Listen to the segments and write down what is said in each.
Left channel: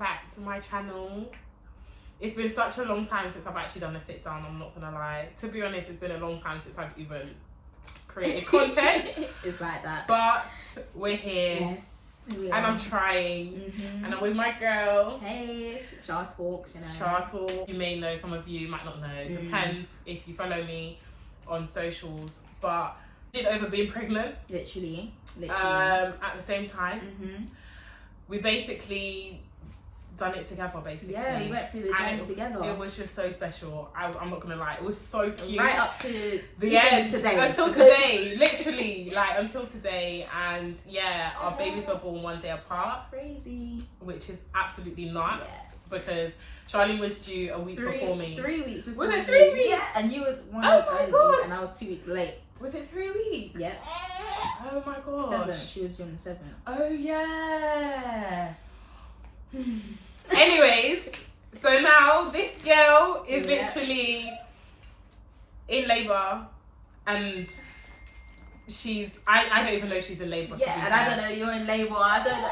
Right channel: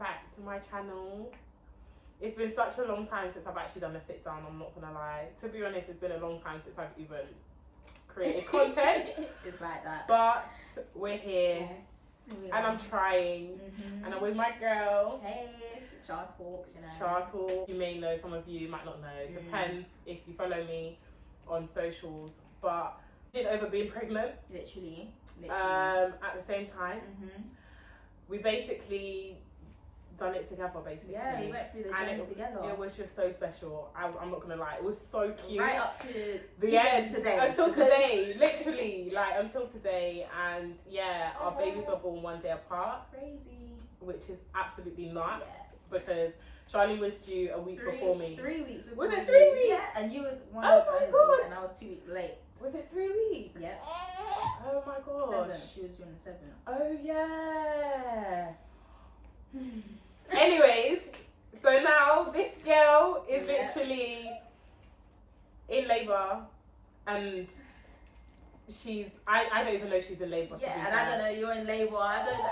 back to my channel. It's been such a long time since I've actually done a sit down, I'm not gonna lie. To be honest, it's been a long time since I've even created content. It's like that. But we're here. Yes. And I'm trying. And I'm with my girl. Hey, it's Char Talks, you know. Char Talk. You may know, some of you might not know. Depends if you follow me on socials. But I did over being pregnant. Literally. At the same time. We basically done it together, basically. Yeah, we went through the journey together. It was just so special. I'm not gonna lie, it was so cute. Right up to the end today. Until today, literally, like until today. And yeah, our babies were born one day apart. Crazy. Which is absolutely nuts because Charlene was due a week before me. 3 weeks before. Was it 3 weeks? Yeah, and you was 1 oh week my early, God. and I was 2 weeks late. Was it 3 weeks? Yep. Oh my gosh. 7. She was doing the 7. Oh yeah. Anyways, so now this girl is literally in labour, and she's I don't even know she's in labour. Yeah, and I don't know you're in labour. I don't know.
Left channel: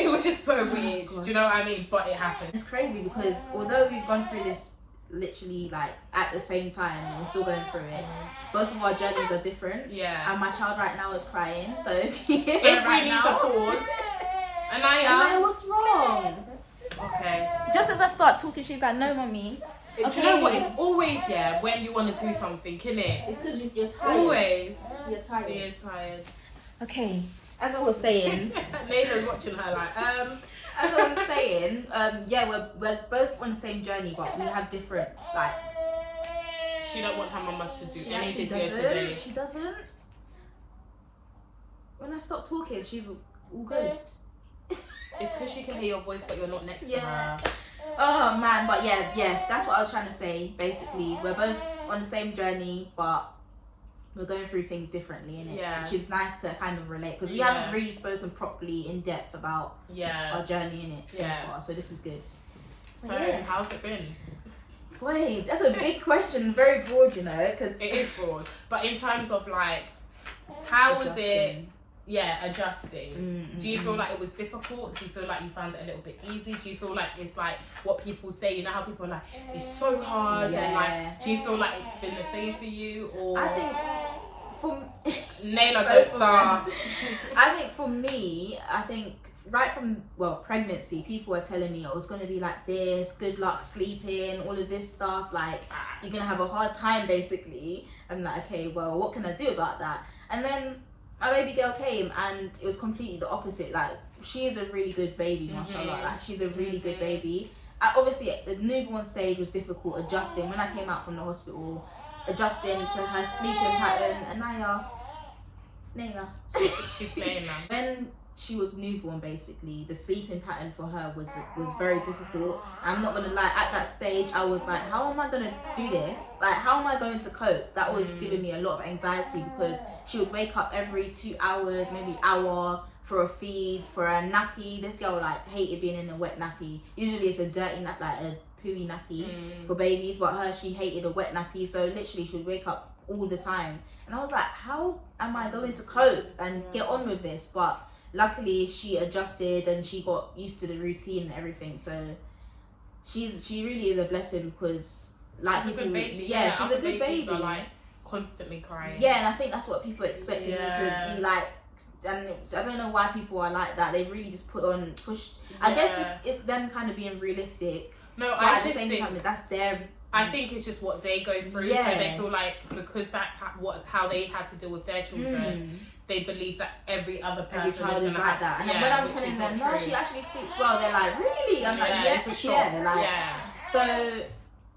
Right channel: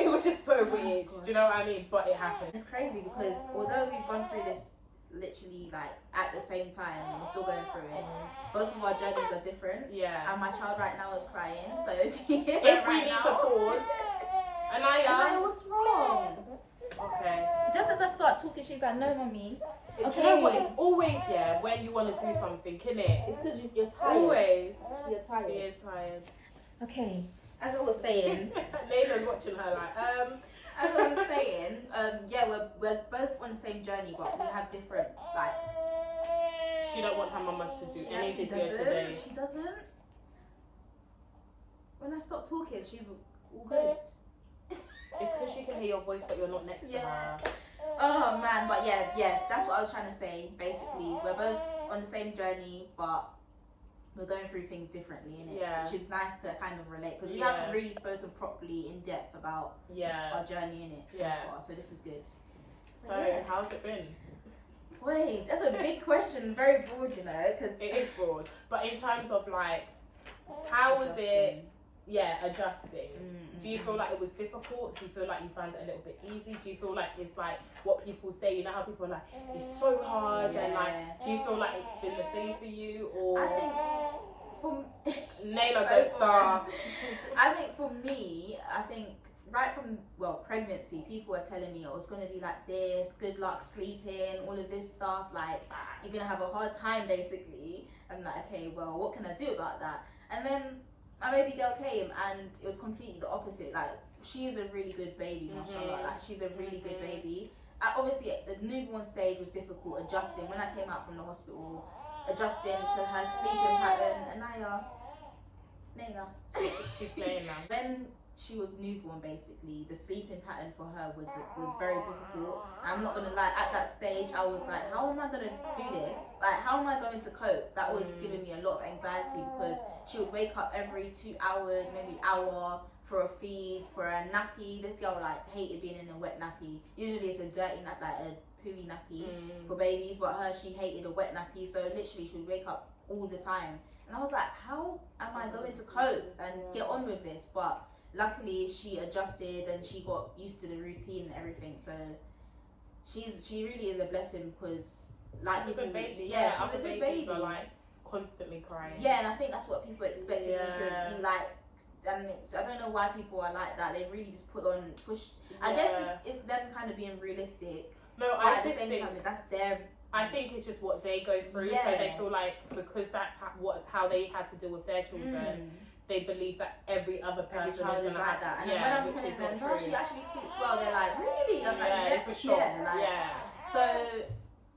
It was just so weird. Do you know what I mean? But it happened. It's crazy because although we've gone through this literally like at the same time, and we're still going through it. Both of our journeys are different. Yeah. And my child right now is crying, so if you hear it right needs now, a pause. Anaya, what's wrong? Okay. Just as I start talking, she's like, "No, mommy." Okay. Do you know what? It's always when you want to do something, innit? It's because you're tired. Always. You're tired. She is tired. Okay. As I was saying, Naila's watching her like As I was saying, yeah, we're both on the same journey, but we have different like. She don't want her mama to do anything to doesn't. her today. She doesn't. When I stop talking, she's all good. It's because she can hear your voice, but you're not next to her. Oh man, but yeah, that's what I was trying to say. Basically, we're both on the same journey, but we're going through things differently, innit? Yeah. Which is nice to kind of relate because we haven't really spoken properly in depth about our journey in it so far. So this is good. So how's it been? Wait, that's a big question, very broad, you know, because it is broad. But in terms of like, how was it? Yeah, adjusting. Do you feel like it was difficult? Do you feel like you found it a little bit easy? Do you feel like it's like what people say? You know how people are like, it's so hard, and like, do you feel like it's been the same for you? Or I think for Naila, don't start. I think for me, I think right from pregnancy, people were telling me it was gonna be like this. Good luck sleeping, all of this stuff. Like you're gonna have a hard time, basically. I'm like, okay, well, what can I do about that? And then my baby girl came and it was completely the opposite. Like she is a really good baby, mashallah. Like she's a really good baby. Obviously the newborn stage was difficult adjusting. When I came out from the hospital, adjusting to her sleeping pattern. And Naya, she's playing now. When she was newborn, basically the sleeping pattern for her was very difficult. I'm not gonna lie, at that stage I was like, how am I gonna do this? Like how am I going to cope? That was giving me a lot of anxiety because she would wake up every 2 hours, maybe hour for a feed, for a nappy. This girl like hated being in a wet nappy. Usually it's a dirty nap, like a pooey nappy for babies, but she hated a wet nappy, so literally she would wake up all the time. And I was like, how am I going to cope and get on with this? But luckily she adjusted and she got used to the routine and everything. So she really is a blessing because like she's people, she's a good baby. Are, like, constantly crying. Yeah, and I think that's what people expected me to be like. And I don't know why people are like that. They really just push. I guess it's them kind of being realistic. No, but at the same time, that's their. I think it's just what they go through. So they feel like because that's how they had to deal with their children. They believe that every other person child is like that. And when I'm telling them, no, she actually sleeps well, they're like, really? I'm like, yes, it's a shock. So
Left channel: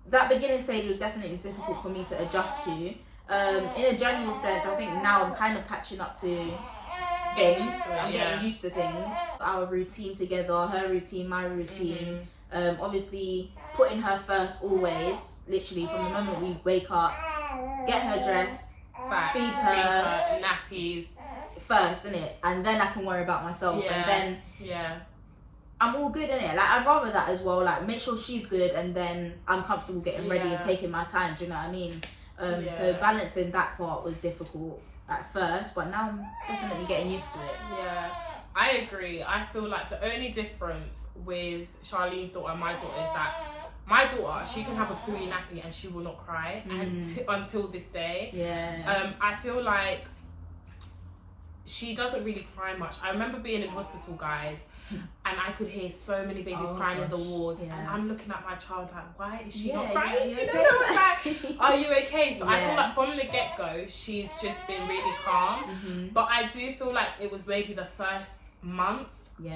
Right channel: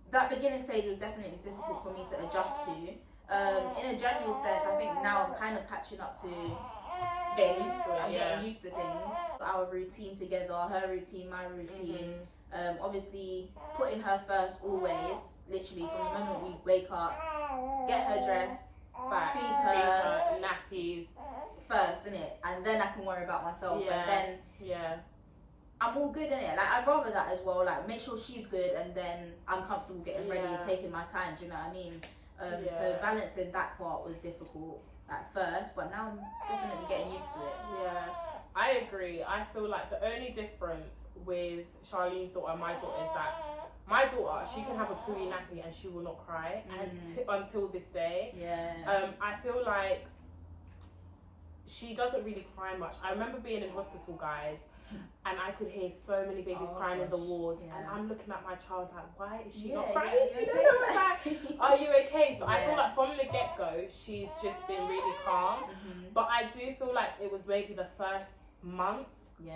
that beginning stage was definitely difficult for me to adjust to. In a general sense, I think now I'm kind of catching up to things. I'm getting used to things. Our routine together, her routine, my routine. Obviously putting her first always, literally from the moment we wake up, get her dressed, feed her nappies first, innit? And then I can worry about myself. And then I'm all good, innit? Like I'd rather that as well. Like make sure she's good and then I'm comfortable getting ready and taking my time. Do you know what I mean? So balancing that part was difficult at first, but now I'm definitely getting used to it. Yeah, I agree. I feel like the only difference with Charlene's daughter and my daughter is that my daughter, she can have a pooey nappy and she will not cry until this day. I feel like she doesn't really cry much. I remember being in hospital, guys, and I could hear so many babies crying in the ward, and I'm looking at my child like, why is she not crying? You know, like, are you okay? So I feel like from the get-go, she's just been really calm. But I do feel like it was maybe the first month,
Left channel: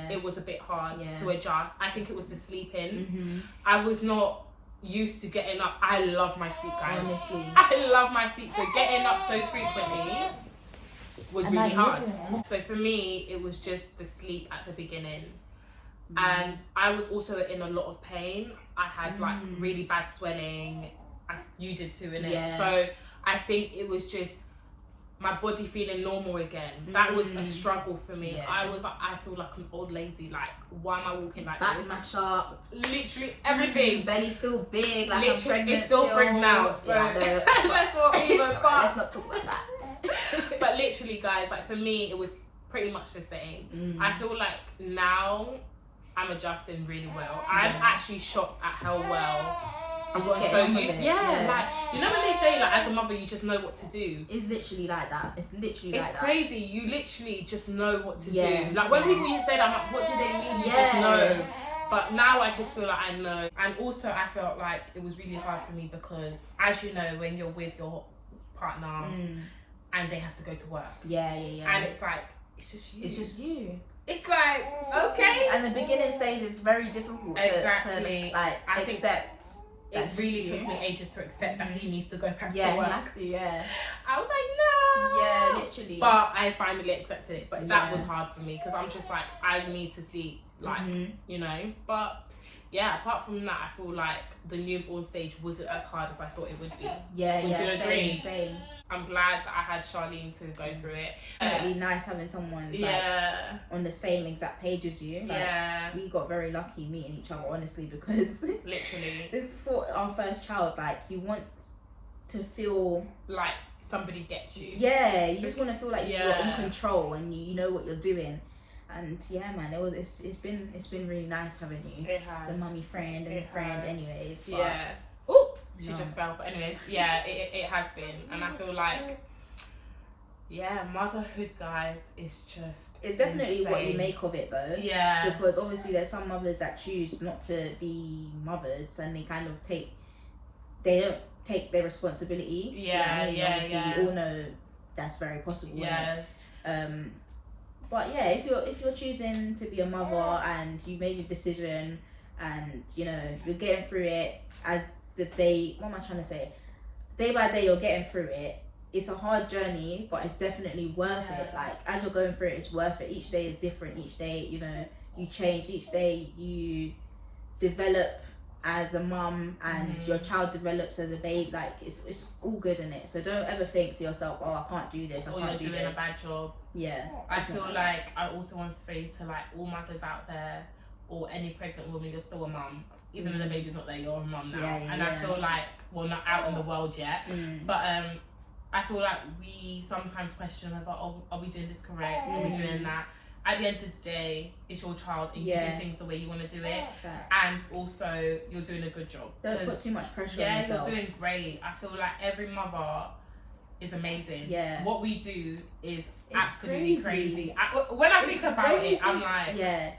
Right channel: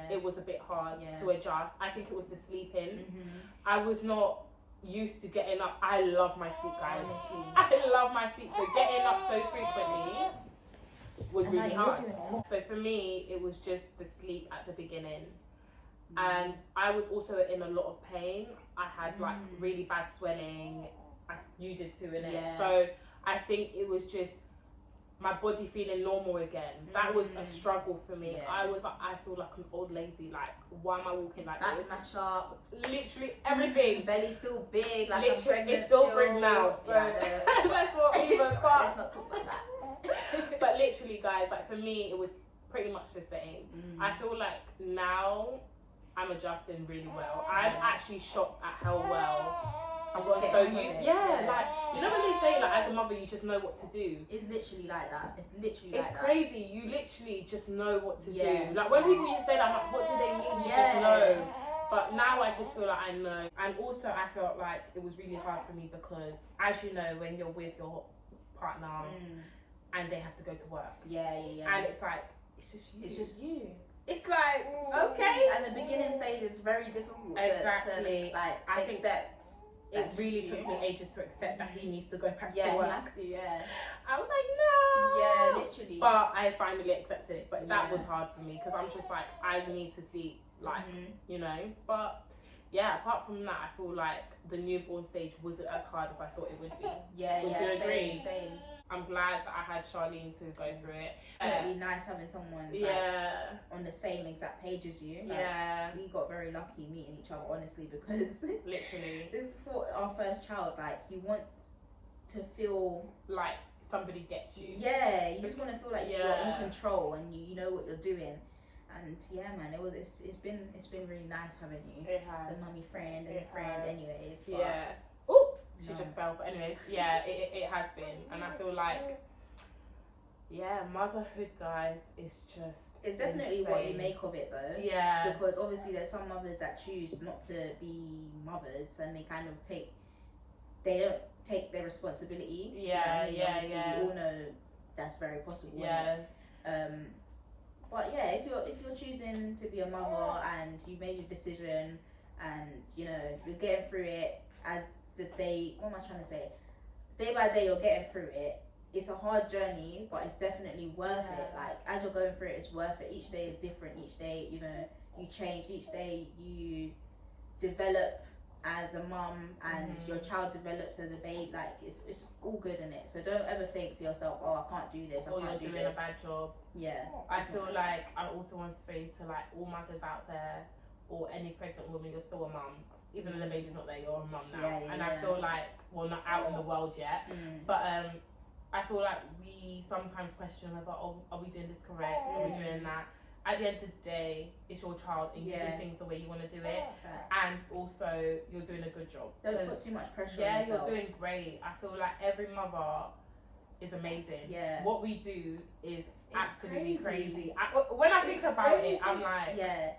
it was a bit hard to adjust. I think it was the sleeping. I was not used to getting up. I love my sleep, guys. Honestly. I love my sleep. So getting up so frequently was really hard. So for me, it was just the sleep at the beginning. And I was also in a lot of pain. I had like really bad swelling. You did too, innit? So I think it was just my body feeling normal again. That was a struggle for me. I was like, I feel like an old lady. Like, why am I walking like back this? Mash up. Literally everything. Belly's still big. Like, I'm pregnant. It's still pregnant now. So let's not even. Let's not talk about that. But literally, guys, like for me, it was pretty much the same. I feel like now I'm adjusting really well. I'm actually shocked at how well I got so used. Like, you know when they say like as a mother you just know what to do. It's literally like that. It's literally like that. It's crazy. You literally just know what to do. Like when people used to say that, I'm like, what do they mean? You just know. But now I just feel like I know. And also I felt like it was really hard for me because, as you know, when you're with your partner and they have to go to work. And it's like, it's just you. It's just you. It's like, okay. And the beginning stage is very difficult to like accept. It really took me ages to accept that he needs to go back to work. Yeah, he has to, I was like, no. Yeah, literally. But I finally accepted it. But that was hard for me because I'm just like, I need to sleep, like, you know. But yeah, apart from that, I feel like the newborn stage wasn't as hard as I thought it would be. Same. I'm glad that I had Charlene to go through it. Definitely nice having someone like, on the same exact page as you. Like, we got very lucky meeting each other, honestly, because literally this for our first child, like you want to feel like somebody gets you. Yeah, you just want to feel like you're in control and you know what you're doing. And yeah, man, it's been really nice having you. It has. As a mummy friend and a friend, anyways. But oh, she just fell. But anyways, it has been, and I feel like motherhood, guys, is just it's definitely insane. What you make of it, though. Yeah. Because obviously there's some mothers that choose not to be mothers, and they kind of they don't take their responsibility. Yeah, obviously we all know that's very possible. But yeah, if you're choosing to be a mother and you made your decision and you know you're getting through it as the day, what am I trying to say? Day by day you're getting through it. It's a hard journey, but it's definitely worth it. Like as you're going through it, it's worth it. Each day is different. Each day, you know, you change. Each day you develop as a mum and your child develops as a babe. Like it's all good in it. So don't ever think to yourself, oh, I can't do this. I can't do this. Or you're doing a bad job. Yeah. I feel like I also want to say to like all mothers out there or any pregnant woman, you're still a mum. Even though the baby's not there, you're a mum now. I feel like, well, not out in the world yet, but I feel like we sometimes question about, oh, are we doing this correct? Are we doing that? At the end of the day, it's your child and you do things the way you want to do it. And also, you're doing a good job. Don't put too much pressure on yourself. You're doing great. I feel like every mother is amazing. What we do is absolutely crazy. When I think about it, I'm like... Yeah,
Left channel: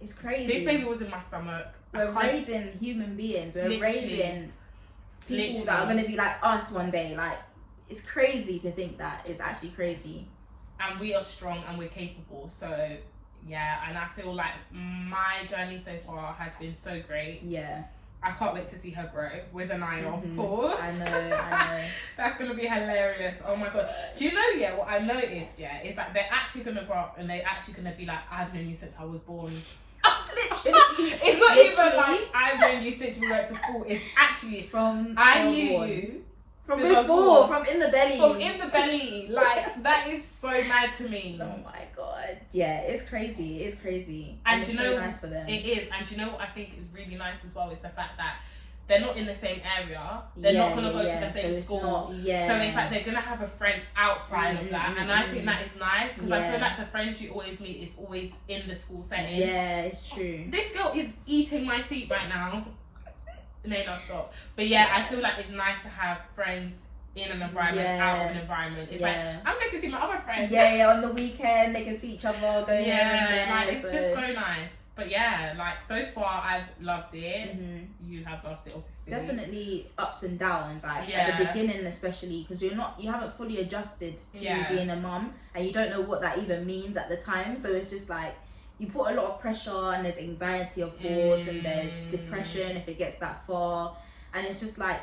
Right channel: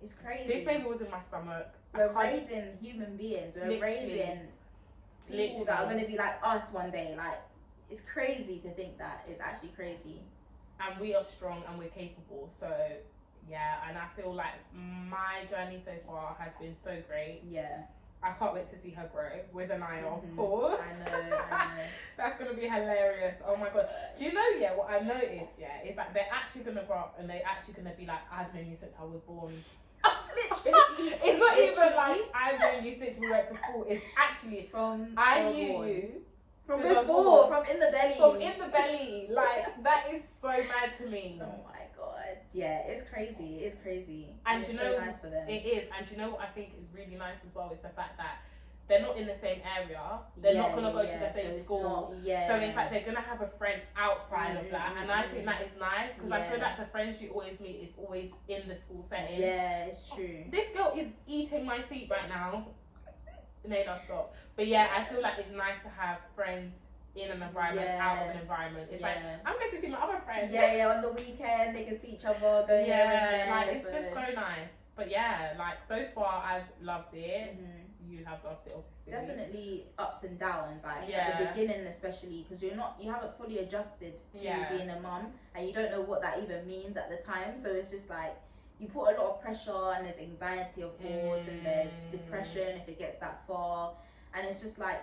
it's crazy. This baby was in my stomach. We're raising human beings. We're raising people that are going to be like us one day. Like, it's crazy to think that. It's actually crazy. And we are strong and we're capable. So, yeah. And I feel like my journey so far has been so great. Yeah. I can't wait to see her grow with an eye, of course. I know. That's going to be hilarious. Oh my God. Do you know, what I noticed, is that they're actually going to grow up and they're actually going to be like, I've known you since I was born. Literally. It's not even like I've known you since we went to school. It's actually from I knew you from before, from in the belly. From in the belly. Like, that is so mad to me. Oh my God. Yeah, it's crazy. It's crazy. And it's you know, so nice for them. It is. And you know what I think is really nice as well is the fact that they're not in the same area. They're not going to go to the same school. So it's like they're going to have a friend outside of that. And I think that is nice because I feel like the friends you always meet is always in the school setting. Yeah, it's true. This girl is eating my feet right now. No, stop. But yeah, I feel like it's nice to have friends in an environment, out of an environment. It's like, I'm going to see my other friends. Yeah, on the weekend they can see each other, go here and there. Like, it's just so nice. But yeah, like, so far I've loved it. You have loved it, obviously. Definitely ups and downs, like at the beginning especially, because you haven't fully adjusted to being a mum, and you don't know what that even means at the time. So it's just like, you put a lot of pressure, and there's anxiety, of course, and there's depression if it gets that far. And it's just like,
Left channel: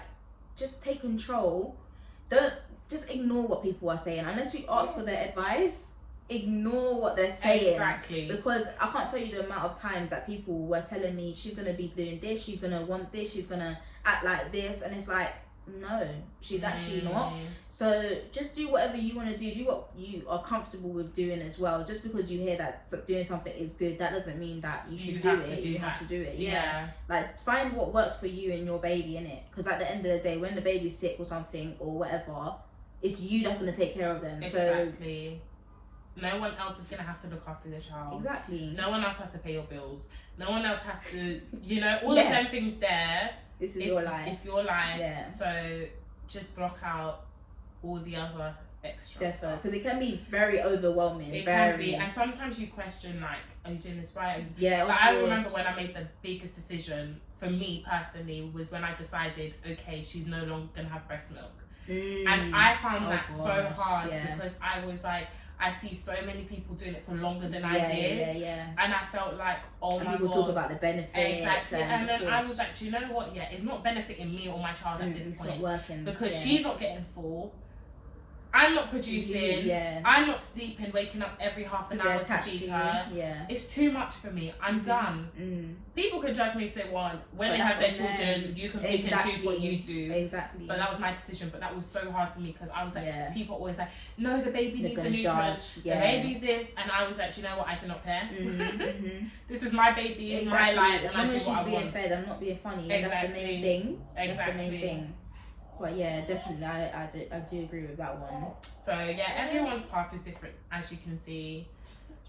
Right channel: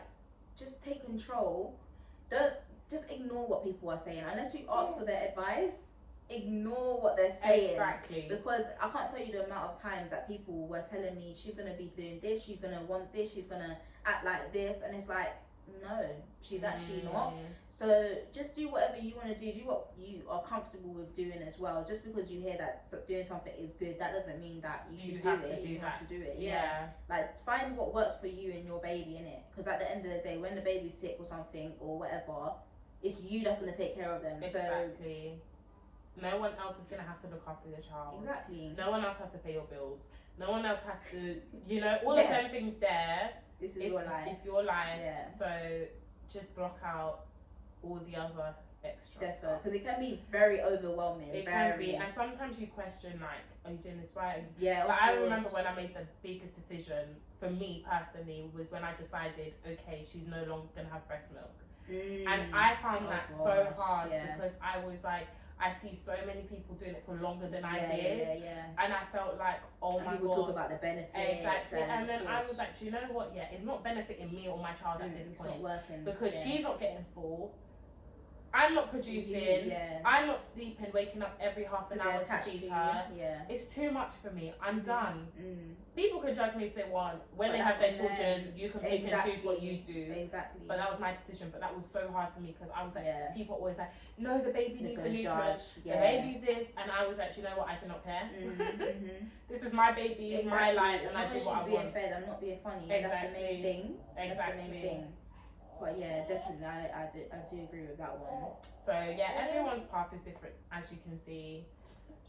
just take control. Don't just ignore what people are saying unless you ask for their advice. Ignore what they're saying. Exactly. Because I can't tell you the amount of times that people were telling me she's gonna be doing this, she's gonna want this, she's gonna act like this, and it's like, no, she's actually not. So just do whatever you want to do what you are comfortable with doing as well. Just because you hear that doing something is good, that doesn't mean that you should do it. You have to do it. Like, find what works for you and your baby, innit? Because at the end of the day, when the baby's sick or something or whatever, it's you that's going to take care of them. Exactly. No one else is going to have to look after the child. Exactly. No one else has to pay your bills. No one else has to, all of them things there. This is your life. It's your life. Yeah. So just block out all the other extra stuff. Because it can be very overwhelming. It can be. And sometimes you question, like, are you doing this right? Yeah, but I remember when I made the biggest decision, for me personally, was when I decided, okay, she's no longer going to have breast milk. And I found that so hard because I was like, I see so many people doing it for longer than I did. And I felt like, oh my God. People talk about the benefits. Exactly. And then I was like, do you know what? Yeah, it's not benefiting me or my child at this point. It's not working. Because she's not getting full. I'm not producing. I'm not sleeping, waking up every half an hour to feed her. It's too much for me. I'm done. People can judge me if they want. When they have their children, you can pick and choose what you do. Exactly. But that was my decision. But that was so hard for me because I was like, people always like, no, the baby needs the nutrients. The baby's this. And I was like, do you know what? I do not care. This is my baby, my life. As long as she's being fed, I'm not being funny. That's the main thing. That's the main thing. But yeah, definitely, I do agree with that one. So yeah, everyone's path is different, as you can see.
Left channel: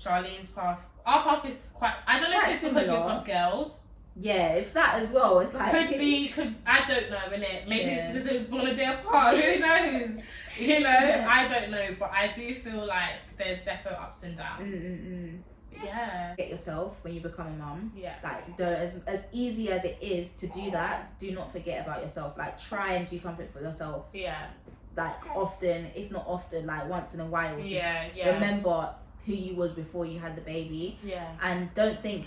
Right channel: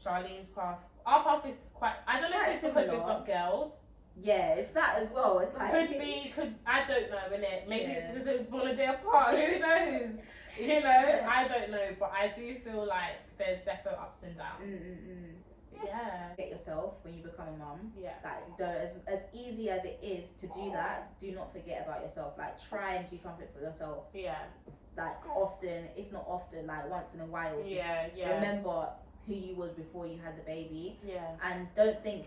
Charlene's path, our path is quite. I don't know if it's because we've got girls. Yeah, it's that as well. It's like could I don't know, innit? Maybe it's because they're born a day apart. Who knows? I don't know, but I do feel like there's definitely ups and downs. Get yourself when you become a mum. Like, as easy as it is to do that, do not forget about yourself. Like, try and do something for yourself. Like, often, if not often, like once in a while. Remember who you was before you had the baby. And don't think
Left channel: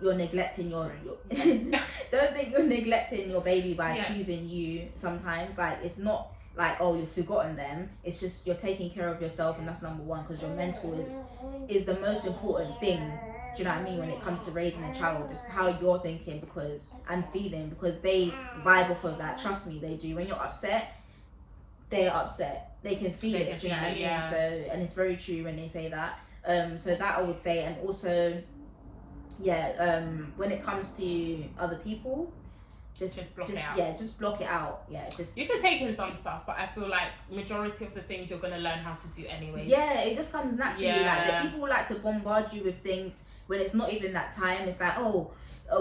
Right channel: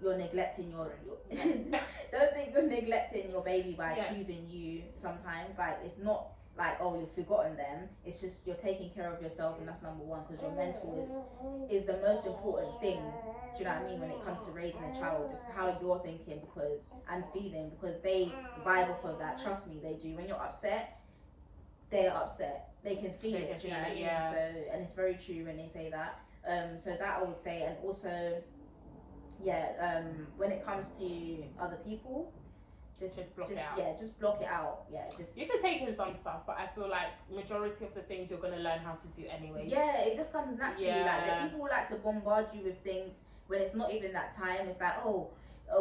you're neglecting your don't think you're neglecting your baby by choosing you sometimes. Like, it's not like, oh, you've forgotten them. It's just you're taking care of yourself, and that's number one, because your mental is the most important thing. Do you know what I mean? When it comes to raising a child, it's how you're thinking and feeling, because they vibe off of that. Trust me, they do. When you're upset, they're upset. They can feel it. Do you know what I mean? So, and it's very true when they say that. So that I would say, and also, when it comes to other people, just block it out. You can take in some stuff, but I feel like majority of the things you're gonna learn how to do anyway. It just comes naturally. Like, the people like to bombard you with things when it's not even that time. It's like,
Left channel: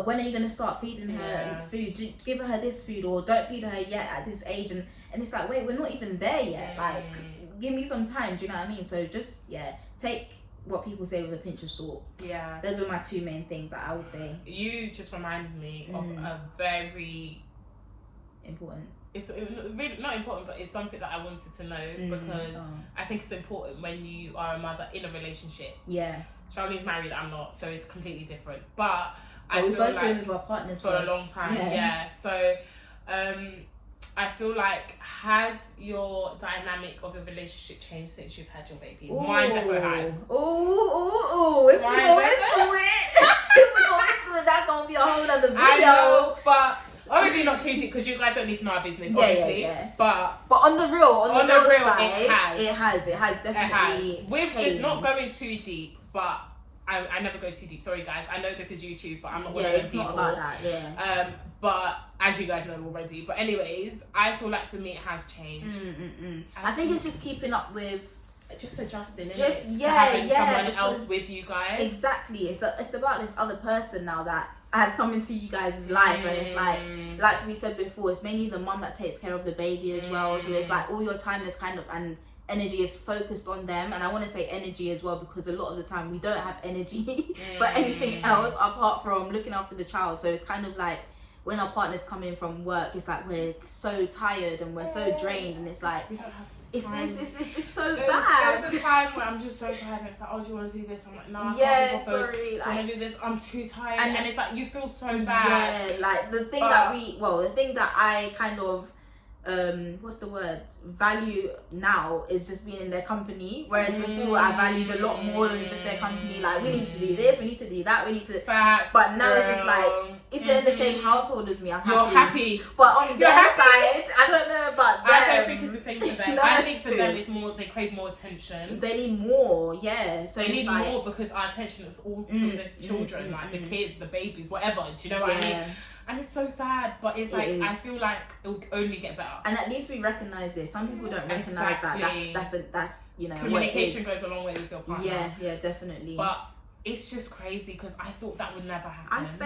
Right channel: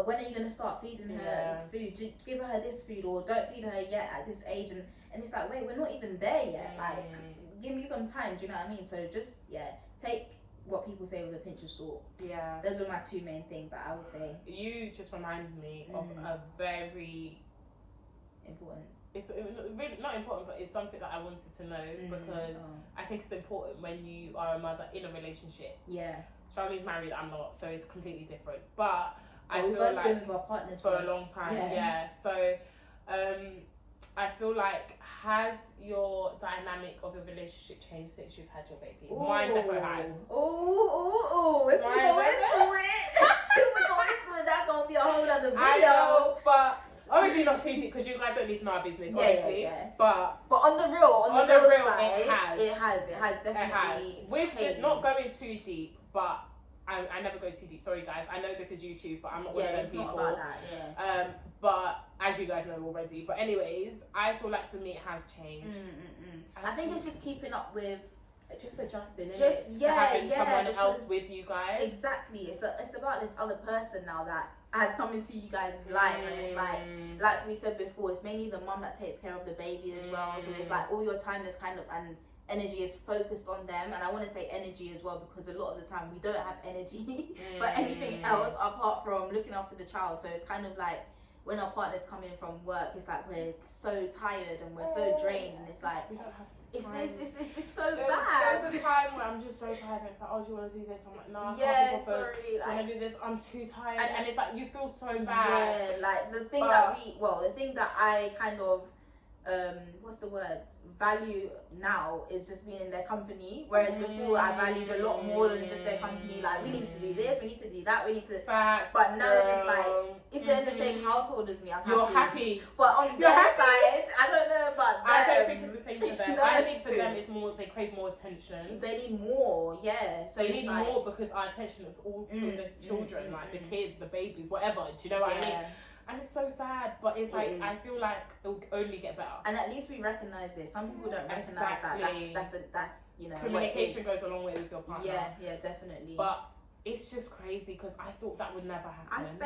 when are you gonna start feeding her food? Give her this food, or don't feed her yet at this age. And it's like, wait, we're not even there yet. Like, give me some time. Do you know what I mean? So just take what people say with a pinch of salt. Those are my two main things that I would say. You just reminded me of a very important. It's really not important, but it's something that I wanted to know because I think it's important when you are a mother in a relationship. Charlene's married, I'm not, so it's completely different. But I feel both like been with our partners for a long time. So I feel like, has your dynamic of your relationship changed since you've had your baby? Mine definitely has. If we go into it, that's gonna be a whole other video. I know, but obviously not too deep because you guys don't need to know our business, obviously. But on the real side, it has definitely. We're not going too deep, but I never go too deep. Sorry guys, I know this is YouTube, but I'm not one of those people. It's not about that. But as you guys know already. But anyways, I feel like for me it has changed. I think it's just keeping up with, just adjusting, just to having someone else because with you guys. Exactly, it's about this other person now that has come into you guys' life, and it's like we said before, it's mainly the mum that takes care of the baby as well. So it's like all your time is kind of, and energy is focused on them. And I want to say energy as well, because a lot of the time we don't have energy for anything else apart from looking after the child. So it's kind of like when our partners come in from work, it's like we're so tired and we're so drained, and it's like it's so bad. There's a time where I'm just so tired, and it's like, oh, do you want to do this? I'm like, no, I can't be bothered. Do you want to do this? I'm too tired, and it's like you feel so bad. Yeah, like the thing that I kind of what's the word, value now is just being in their company, whereas before I valued a lot more than just their company. Like, we need to do this, we need to do that, we need to but now it's just like, if they're in the same household as me, I'm happy. You're happy. But on their side, I don't know about them. I don't think it's the same for them. No. I think for them it's more, they crave more attention. They need more, yeah. So they need more because our attention is all to the children, like the kids, the babies, whatever. Do you know what I mean? And it's so sad, but it's like, I feel like it will only get better. And at least we recognise this. Some people don't recognise that. That's you know, communication goes a long way with your partner. Yeah, definitely. But it's just crazy because I thought that would never happen. I was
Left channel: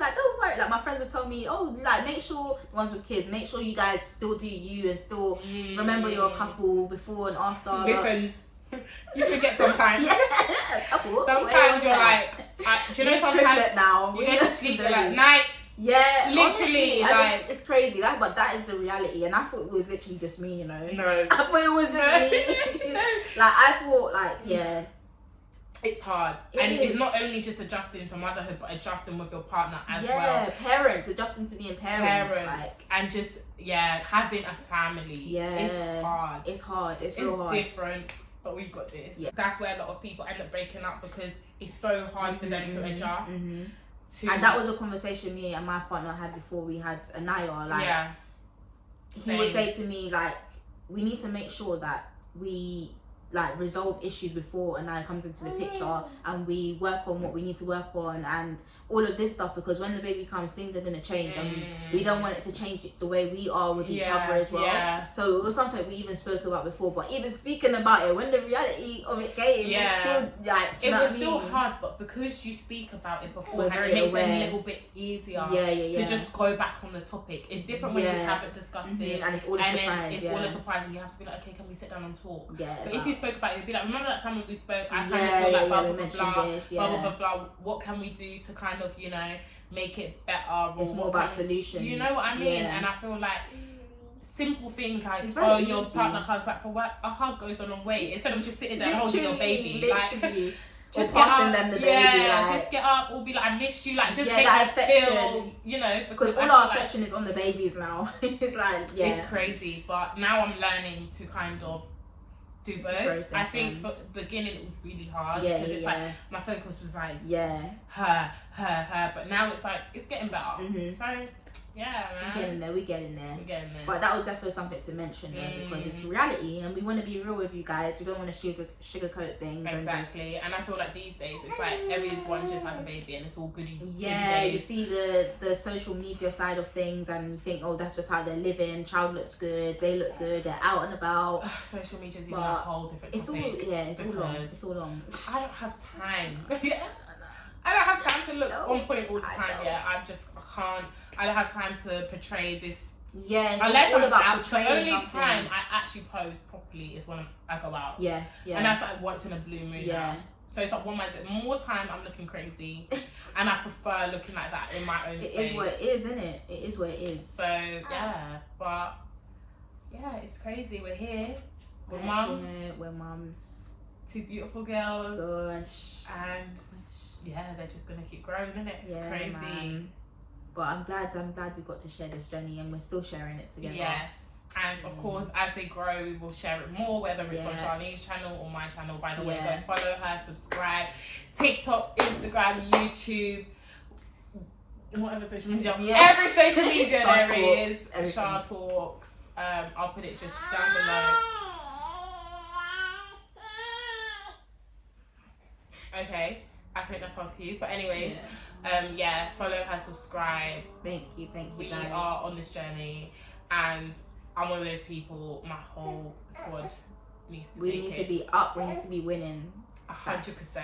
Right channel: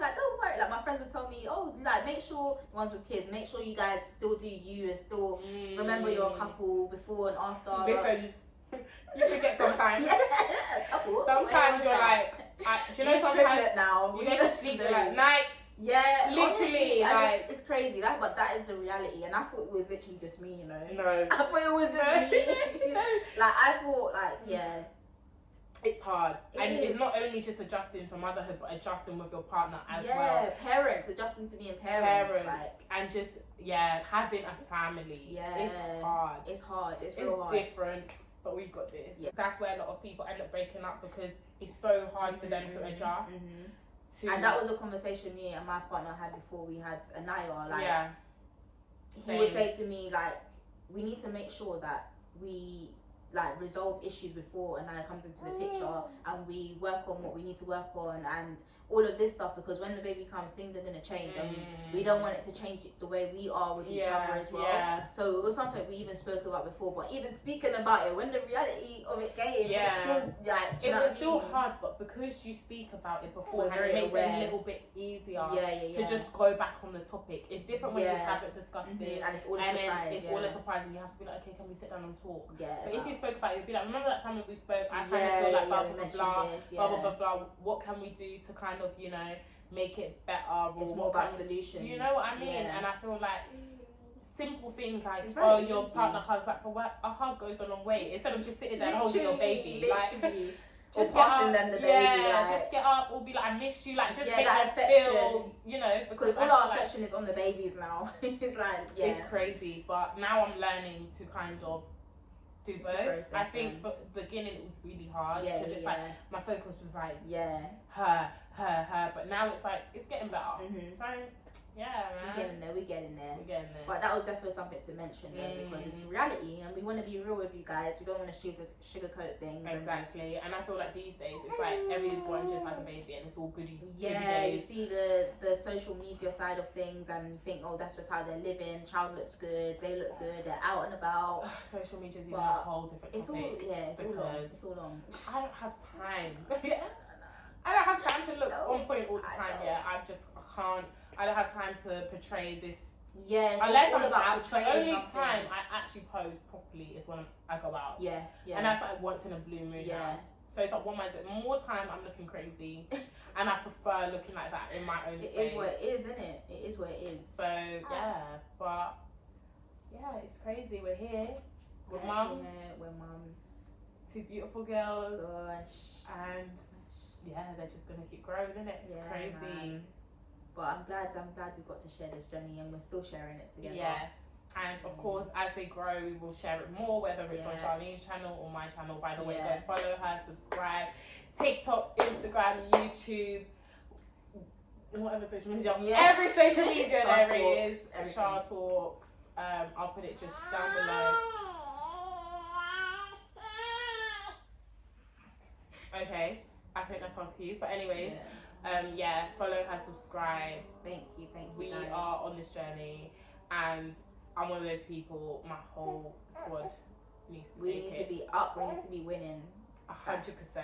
like, don't worry. Like, my friends would tell me, oh, like, make sure, the ones with kids, make sure you guys still do you and still remember your couple before and after. Listen, you forget sometimes. Couple. Sometimes you're like, do you know, sometimes now. you go to sleep, you're like, night. Yeah, literally, honestly, it's crazy. But that is the reality, and I thought it was literally just me, you know. No, I thought it was just me. Like, I thought, it's hard, it's not only just adjusting to motherhood, but adjusting with your partner as well. Yeah, parents, adjusting to being parents, and just having a family. It's hard. It's hard. It's real hard. It's different, but we've got this. Yeah. That's where a lot of people end up breaking up because it's so hard for them to adjust. And that was a conversation me and my partner had before we had Anaya. Like, he would say to me, like, we need to make sure that we resolve issues before Anaya comes into the picture, and we work on what we need to work on and all of this stuff, because when the baby comes, things are going to change, and we don't want it to change the way we are with each other as well. So it was something we even spoke about before, but even speaking about it, when the reality of it came, it's still like, do you know what I mean? It was still hard, but because you speak about it beforehand, it makes it a little bit easier to just go back on the topic. It's different when you haven't discussed it, and it's all a surprise. It's all a surprise, and you have to be like, okay, can we sit down and talk? But if you spoke about it, you'd be like, remember that time when we spoke? I kind of feel like blah blah. What can we do to kind of, you know, make it better? It's more about solutions. You know what I mean? And I feel like simple things like, your partner comes back from work, a hug goes a long way. Instead of just sitting there holding your baby, like, just passing them the baby, just get up, or be like, I miss you, like, just make that affection feel, you know, because all our affection is on the babies now. It's like, it's crazy, but now I'm learning to kind of do both. I think for the beginning it was really hard because it's like my focus was like her, but now it's like it's getting better. So man, we're getting there. But that was definitely something to mention though, because it's reality, and we want to be real with you guys. We don't want to sugarcoat things. Exactly, and I feel like these days it's like everyone just has a baby and it's all goody. You see the social media side of things, and you think, oh, that's just how they're living. Child looks good, they look good, they're out and about. Social media is even a whole different topic. It's all long. I don't have time. I don't have time to look on point all the time. I can't. I don't have time to portray this. Unless I'm about portraying something. The only time I actually post properly is when I go out. And that's like once in a blue moon. So it's like more time I'm looking crazy, and I prefer looking like that in my own space. It is what it is, isn't it? It is what it is. So but it's crazy. We're here. We're mums. We're mums. Two beautiful girls. Gosh. And they're just gonna keep growing, isn't it? It's crazy. Man. But I'm glad we got to share this journey, and we're still sharing it together. Yes, and of course, as they grow, we will share it more, whether it's on Charlene's channel or my channel. By the way, go follow her, subscribe, TikTok, Instagram, YouTube, whatever social media, every social media there is. Char Talks. I'll put it just down below. Okay. I think that's on cue. But anyways, follow her, subscribe. Thank you guys. We are on this journey, and I'm one of those people. My whole squad needs to. We need to be up. We need to be winning. 100%.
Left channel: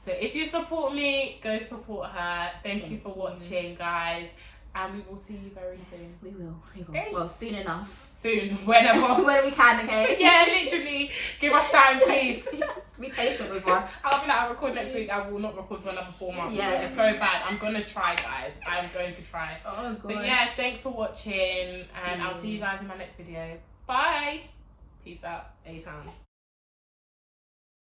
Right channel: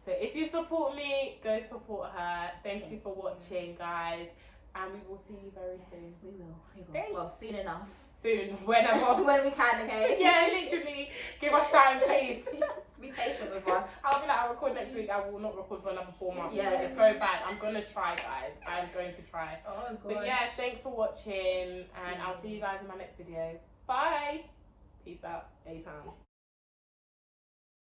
So if you support me, go support her. Thank you for watching, guys, and we will see you very soon. We will. Thanks. Well, soon enough. Soon, whenever. When we can, okay? Yeah, literally. Give us time, please. Be patient with us. I'll be like, I'll record next week. I will not record for another 4 months. Yeah. It's so bad. I'm gonna try, guys. I'm going to try. Oh, gosh. But yeah, thanks for watching, and I'll see you guys in my next video. Bye. Peace out. Daytime.